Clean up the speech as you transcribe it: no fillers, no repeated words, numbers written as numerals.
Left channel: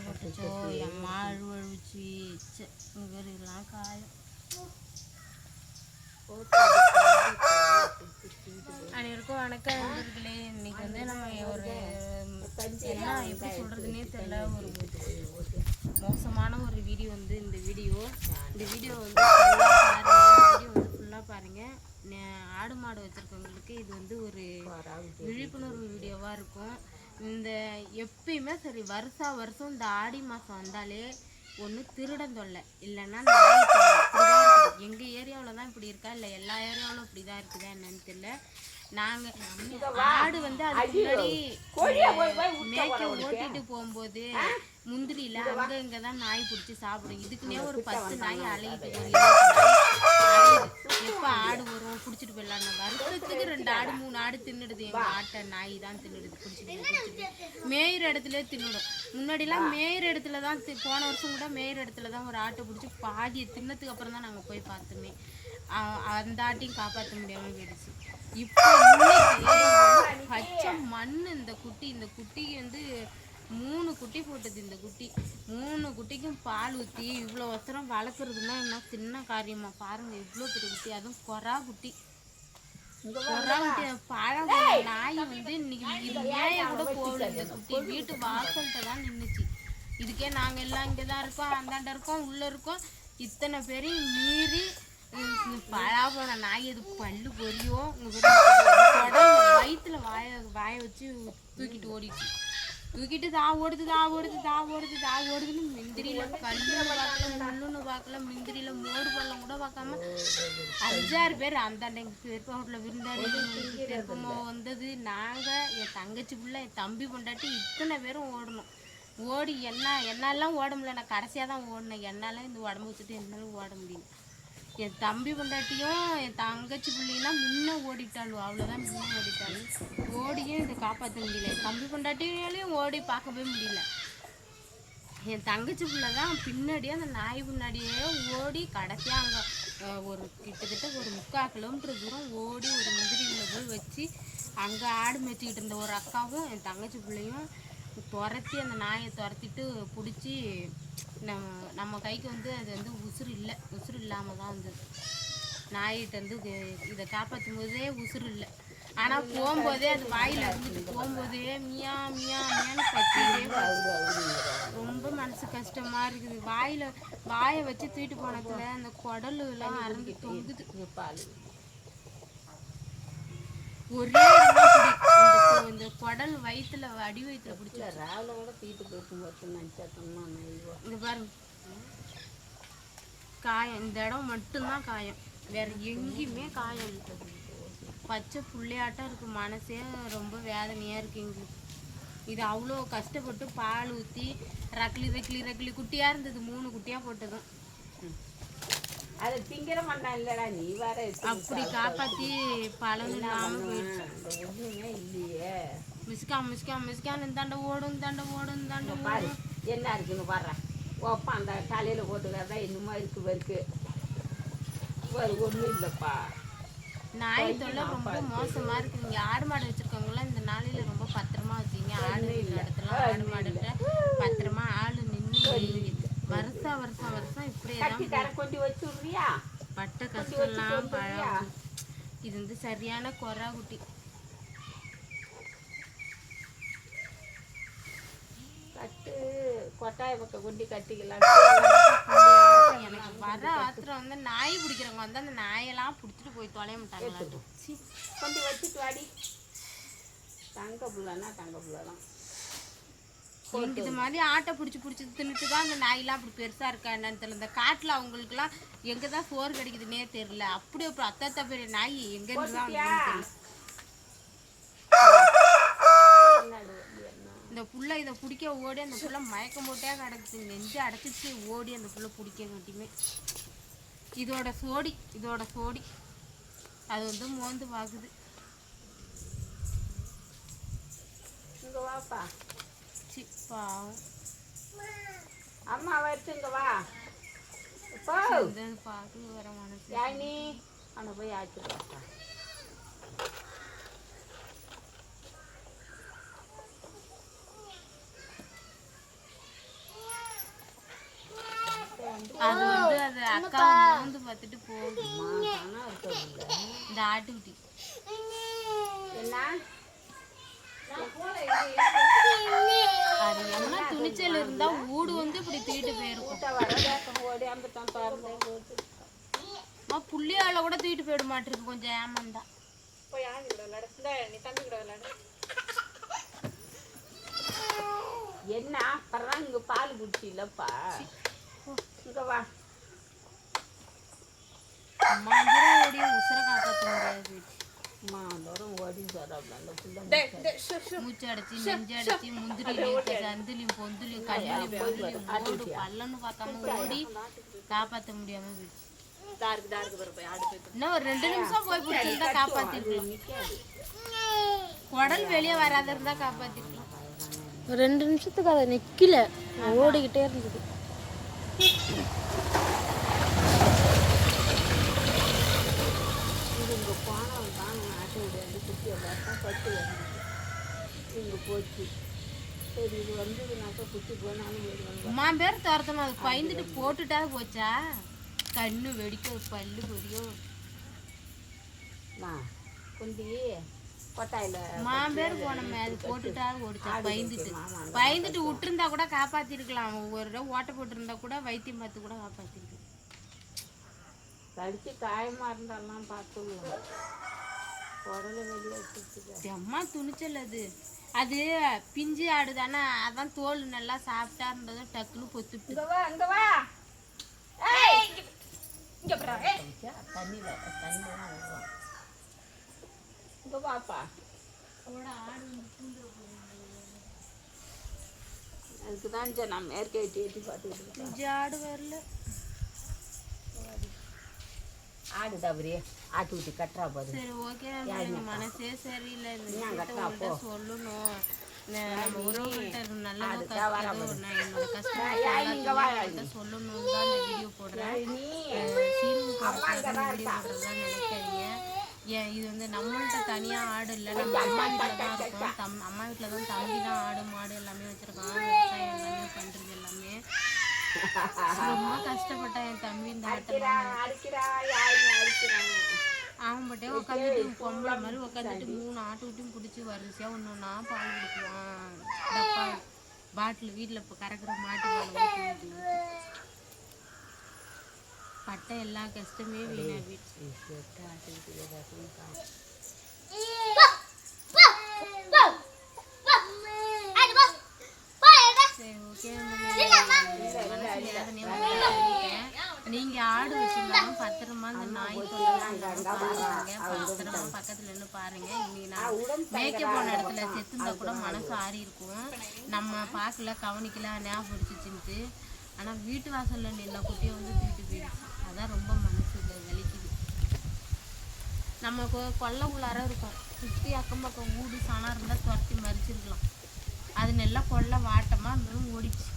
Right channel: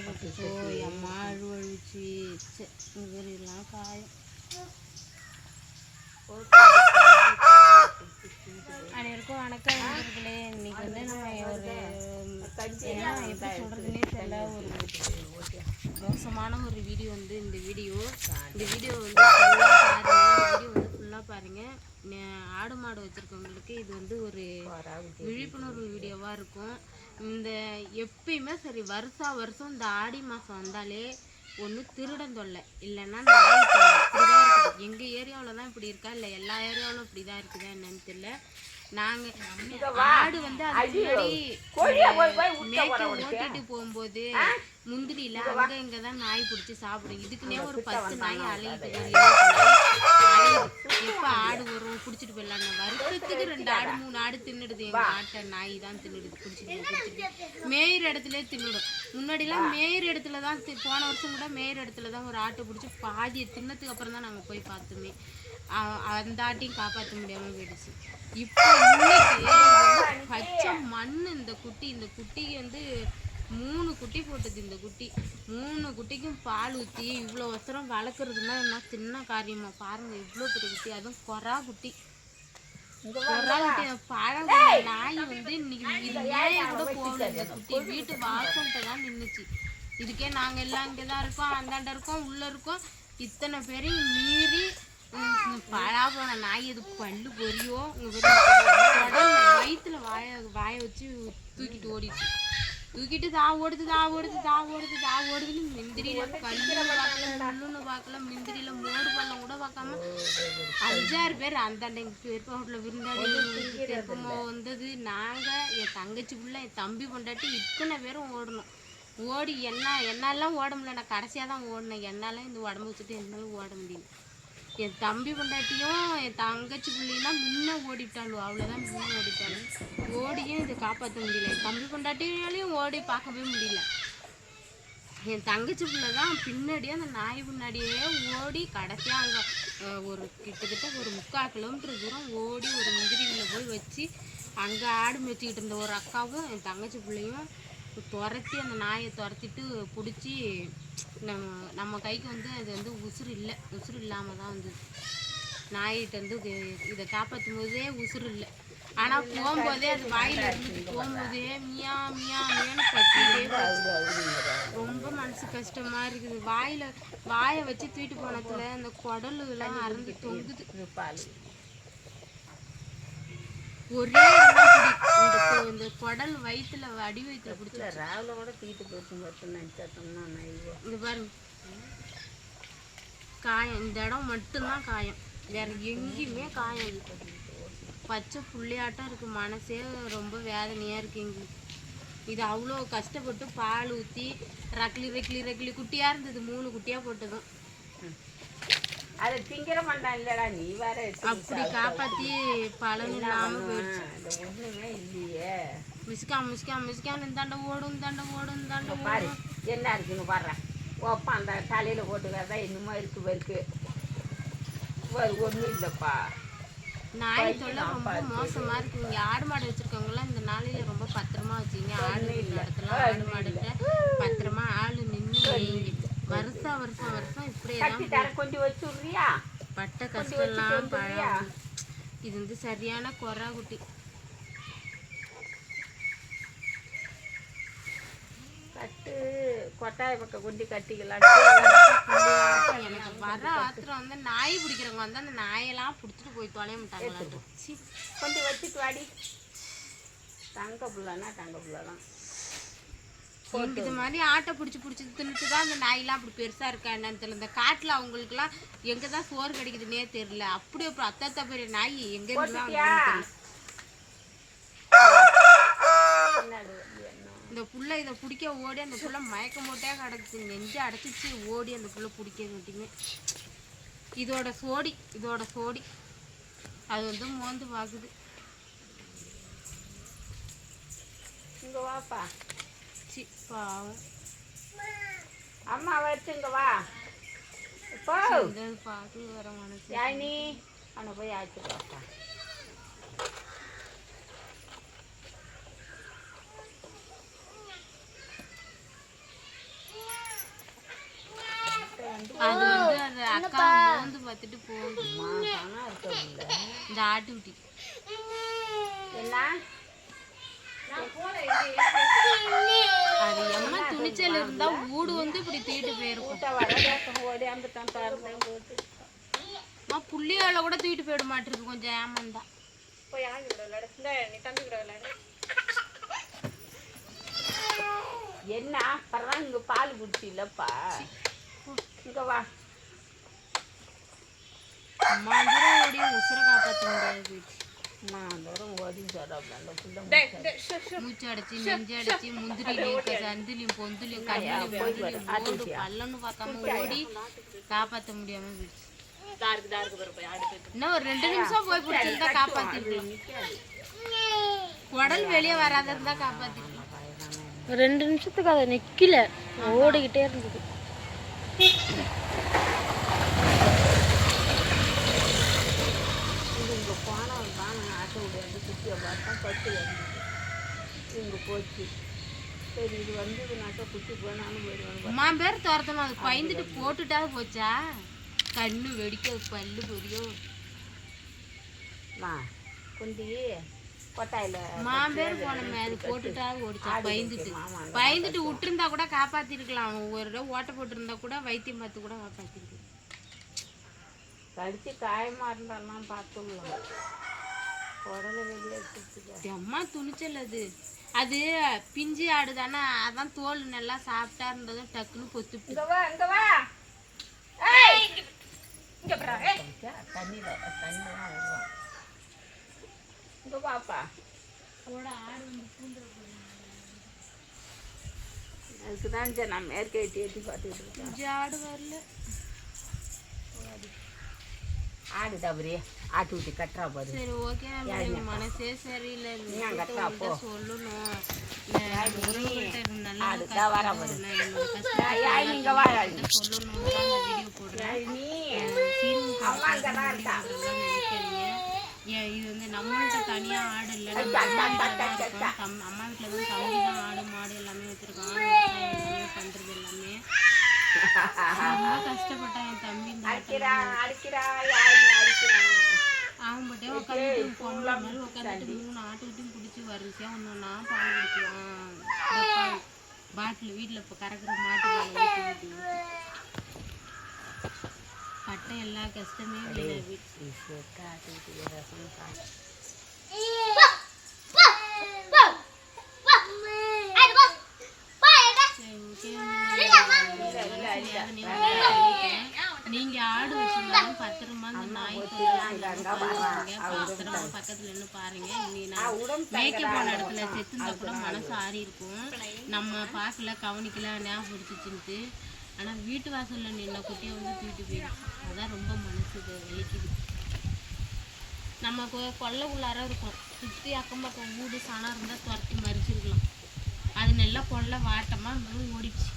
பாடுபட்டுச்சோ அம்மா அழுவழிச்சு இதெல்லாம் காயம். அனைவருக்கும் வணக்கம் நண்பர்களே. இன்னைக்கு வந்து நம்ம ஒரு என்ன எப்படி சொல்கிறதுனே தெரியல, ஒரு மோசமான ஒரு வீடியோ வந்து இந்த வீடியோ வந்து ஃபுல்லாக பாருங்கள். ஆடு மாடு வச்சுருக்கவங்களுக்கு இது வந்து ஒரு விழிப்புணர்வு வீடியோவாக இருக்கும். இந்த எப்பயுமே சரி வருஷம் இந்த ஆடி மாதம் வந்தாலே ஒன்று திருடன் தொல்லை, இல்லைன்னா நாய் தொல்லை இப்படி தான் இருக்குது. எங்கள் ஏரியாவில் தான் இப்படி இருக்கா இல்லை எல்லா ஏரியாவிலும் இப்படி தான் இருக்குதா என்னன்னு தெரியல. நாங்கள் ஆடு வந்து அதுக்கு முன்னாடி மேய்க்க ஓட்டிட்டு போகும்போது முந்திரியில் அங்கே இங்கே தான் நாய் பிடிச்சி சாப்பிடும். இதுக்குன்னே ஒரு 10 நாய் அலையிட்டு எப்போ ஆடு வரும் பிடிச்சிட்டு போயிடலாம். வருஷத்துக்கு 2 ஆடு 3 ஆடு தின்னுடுது. எங்கள் ஆட்டை நாய் தான் தின்னுடுது, பிடிச்சிட்டு மேயிற இடத்துல தின்னுடும். முன்னாடிலாம் மேயிற இடத்துல தான் போன வருஷம் கூட மேயிற இடத்துல தான் ஒரு ஆட்டை பிடிச்சி பாதியை தின்னத்துக்கு அப்புறம் தான் நாங்கள் போய் பார்த்தோமே. அந்த ஆட்டையும் காப்பாற்ற முடியாமல் போயிடுச்சு. இப்போ இன்னைக்கு பச்சை மண் இந்த குட்டிக்கு வந்து 3 குட்டி போட்டது. இந்த குட்டி 3 குட்டிக்கும் பால் ஊற்றி இவ்வளோ வருஷம் வளர்க்குறதுன்னா என்ன சின்ன காரியமாக பாருங்கள். இவ்வளோ பெரிய குட்டி, அதுவும் கொரா குட்டி. பழம் நாய் வந்து இன்னைக்கு இது மேய கூட போகல. இந்த குட்டி வீட்டு வாசல்கிட்ட தான் நின்றுச்சு. இதுக்கே நாங்கள் எல்லாம் இங்கே தான் இருக்கோம், அந்தாண்ட இருக்கோம், உள்ளே இருக்கோம். இத்தனை பேரையும் மீறி பழா போன நாய் இது பல்லு பொரியும் வயிற்றுல வாய வச்சு தூக்கிட்டு ஓடிச்சு. தூக்கிட்டு தா ஓடுதுன்னு மிந்திரியில் கல்லுன்னு பார்க்கல, முள்ளுன்னு பார்க்கல, மிந்திரியில் மோடு பள்ளம் கூட பார்க்காம 5-6 பேர் அந்தாண்ட எங்கள் பெருப்பா வீட்டில் விருந்தாடி பெருப்பம்மா வந்தது. நாங்கள் என் தங்கச்சி பிள்ளை என் தம்பி பொண்டாட்டி இத்தனை பேரும் ஓடணும். ஓடி என்னாலாம் ஓட முடியல. நான் கடைசியாக தான் ஓடினேன். என்னாலும் இந்த உடம்பு வச்சுட்டு என்னாலும் ஓட முடியல. என் தம்பி பொண்டாட்டியும் என் தங்கச்சி பிள்ளைலாம் முன்ன ஓடிட்டாலும் அவ்வளோதான், முன்ன ஓடிட்டாலும் ஓடியும் இதை காப்பாற்ற முடியல. என் தம்பி பொண்டாட்டியாலையும் ஓடி பார்க்கவே முடியல. என் தங்கச்சி பிள்ளை தான் பின்னாடியே அந்த நாய் பின்னாடியே ஓடி கடைசியாக அங்கே ஒரு கிட்டத்தட்ட ஒரு 3/4 கிலோமீட்டர் தூரம் ஓடி ஒரு முந்திரியில் போய் வச்சு அங்கே ஆடு மேய்ச்சிக்கிட்டு இருந்த ஒரு அக்காவும் என் தங்கச்சி பிள்ளையும் துரத்தி அந்த நாயை துரத்திட்டு பிடிச்சி நம்ம கைக்கு வந்து அது வந்து உசுறு இல்லாமல் தான் வந்தது. நாயிட்ட இதை காப்பாற்றும் போதே உசுறு இல்லை. ஆனால் போகும்போதே அது வாயில் இருந்துட்டு போகும்போதே மியான்னு கத்திட்டே ரொம்ப மனசு கஷ்டமாக இருக்குது. வாயை வச்சு தூக்கிட்டு போனதுல அந்த குடலுலாம் அறந்து தொங்குது. ஒரே இந்த குடல் வயிற்றுல அடி வயிற்றுல பிடிச்சி ராவில் கூட தூக்கிட்டு போயிட்டு இங்கே பாருங்க காயம். இந்த இடம் மட்டும்தான் காயம், வேற எங்கேயுமே காயம் இல்லை. பச்சை புள்ளையாட்டம் இருக்குது. மனசே ரொம்ப வேதனையாக இருக்குது எங்களுக்கு. இது அவ்வளோ கஷ்டப்பட்டு பால் ஊற்றி ரக்கிலி குட்டியாக இருந்தது. 3 குட்டியாக போட்டதும் அதை திங்கிற மாட்டான் இல்லடா. நீ வேற அப்படி காப்பாற்றி பலன் இல்லாமல் போயிடுச்சு. ஒன்றுமே இல்லையே. மிஸ்கான் இந்தாண்ட ஓடும் என்ன இருக்குன்னு பாடுறேன். ஓப்பா அந்த தலையில் போட்டு வேறதா இன்னுமா இருக்கு ஒன்றும் இல்லைப்பா. நாய் தொல்லை ரொம்ப மோசமாக இருக்குது. இங்கே ஆடு மாடு வச்சுருக்கவங்களாம் இந்த நாளையில் ரொம்ப பத்திரமா வச்சுங்க. ஆடு இடத்துல ஆடு மாடுகிட்ட பத்திரமா ஆள் நின்று வருஷம் இப்படியே தான் கொஞ்சம் வச்சுடுறியா. பட்ட கஷ்டம்லாம் பழம். இது வந்து சரியான கொரா குட்டி. கட்டு கொட்டாய பக்கம் கொண்டு கட்டிக்கலாம். எனக்கு வர ஆத்திரம் வந்து நாய் பிடிக்கிறவங்க வந்து அந்த நாயெல்லாம் பிடிச்சிட்டு போய் தொலைய மாட்டாங்களாட்டு. கொஞ்சம் வச்சுட்டு வாடி. தங்க பிள்ளைனா தங்க பிள்ளை தான். இது மாதிரி ஆட்டை பிடிச்சி தின்னுட்டு தான் அந்த நாயெல்லாம் அப்படி பெருசாக இருக்கா என்னன்னு தெரியல. இந்த காட்டில் அவங்களுக்குலாம் எங்கே தான் சோறு கிடைக்குதுன்னே தெரியல. அப்படி அப்புறம் அத்தா பெரிய நாய் எங்கே இருந்தால் இந்த புள்ள இதை பிடிக்க ஓடி அந்த புள்ள மயக்கம் போட்டே கிடக்குது. நெஞ்சு அடைச்சிச்சு ஓடி அந்த புள்ள பிடிக்க மட்டுமே. இதோட சோடி அது வந்து மோந்து பார்க்குது. இங்கே வாப்பா. பாவம் அம்மா வச்சுங்க வா. பார்த்து வர மனசு நீ அங்கே போய் ஆச்சு பாப்பா. அது வந்து அது அக்கா மோந்து பார்த்துட்டு போகுது. இந்த ஆட்டுக்குட்டி அது எம்மா துணிச்சல் இருந்தா ஊடு வந்து இப்படி தூக்கிட்டு போயிருக்கும். புள்ளியால கூட தூக்கிட்டு போயிட மாட்டிருக்கு, கொஞ்சம் ஏமாந்தா. என்ன அப்புறம் இங்க பால் குடிச்சு இல்லப்பா, இங்க வா. அம்மா ஓடிய உசுரை காப்பாற்ற முடியாது. மூச்சு அடைச்சி நெஞ்சு அடைச்சி முந்திரிலையும் சந்திலையும் பொந்துலையும் கல்லுலையும் பொதுலையும் ஓடு பல்லன்னு பார்க்காம ஓடி காப்பாற்ற முடியாம போயிடுச்சு. இன்னும் ஒரு 2 நிமிஷம் போய் பிடிச்சிருந்தா காப்பாத்திருக்கலாம். உடல் வெளியே வராத இருந்தா காப்பாத்திருக்கலாம். 2 நிமிஷத்துக்கு அதை நிக்கல, ஓடிக்கிட்டே இருந்தது. போச்சு. சரி இது வந்ததுனாக்கா குட்டி போனாலும் போயிடுவாங்க. அம்மா பேர் துரத்தணும், அது பயந்துட்டு போட்டுட்டாது போச்சா, கண்ணு வெடிக்க பல்லு பொரியும். கொஞ்சம் கொட்டாயில மாம்பேர் போனமே அது போட்டுட்டாது ஓடிச்சா. பயந்துட்டு விட்டுருந்தா கூட காப்பாத்திருக்கலாம். ஒரு ஓட்டை போட்டிருந்தா கூட வைத்தியம் பார்த்து கூட காப்பாத்திருக்கு. கடிச்சு காயமா இருந்தாலும் பார்த்துக்கலாம். உடலை வெளியே அம்மா துணிச்சல் அது. அது பிஞ்சு ஆடு தானே, அதான் தோல் நல்லா சாப்பிட்டா இருந்ததும் டக்குன்னு பொத்து. அதுக்குதான் நான் மேற்கே ஏற்றி பார்த்துக்கிட்டு ஆடு வரல. ஆடு தவறி ஆட்டு ஊட்டி கட்டுறா பாரு. சரி ஓகே, மனசே சரியில்லை. சொல்லணும் நம்ம உறவுகள்கிட்ட நல்லது சொல்லணும் தான் வீடியோ போடுறேன். சீரியல் போடுறதுலாம் நினைக்காதீங்க. இது வந்து நம்மள்கிட்ட தனியாக ஆடு இல்லை, நம்ம அம்மா வீட்டில் தான் இருக்கோம். அம்மா வீட்டில் தான் தம்பி தான் ஆடு மாடு எல்லாமே வச்சுருக்கான். எல்லாமே பண்ணுறது எல்லாமே ரொம்ப கஷ்டப்பட்டான் என் தம்பி. இந்த அவன் பட்டே உட்காந்துட்டு பொம்பளை மாதிரி உட்காந்துட்டு 3 ஆட்டுக்கிட்டையும் பிடிச்சி வரிசையாக ஒன்றுன்னா பால் குடிக்குவான். பாட்டில் வீட்டில் இப்போ கறக்கிற மாட்டு பால் ஊற்றி பட்டை எல்லா கஷ்டமே வீணாகி. நீங்க ஆடு வச்சிருந்தாலும் பத்திரமா இந்த நாய் தொல்லைலாம் பத்திரமா பக்கத்துல இருந்து பாருங்க. இன்னைக்கு நான் மேய்க்க போன இடத்துல செத்துந்தா கூட மனசு ஆறி இருக்கும். நம்ம பார்க்கல கவனிக்கல ஞாபகம் பிடிச்சிச்சுன்ட்டு. ஆனா வீட்டு வாசல்ல நின்ன குட்டியை வந்து தூக்கிட்டு போயிடுச்சு. அதான் ரொம்ப மனசு வலிக்குது. நம்ம கொல்லைக்குள்ளார இருக்கும், சுற்றி அக்கம் பக்கம் வீடு சனம் இருந்தால் துரத்தி மறிச்சிருக்கலாம். அது நல்லா கொல்லை வாட்டமாக இருந்தாலும் ஓடிச்சு.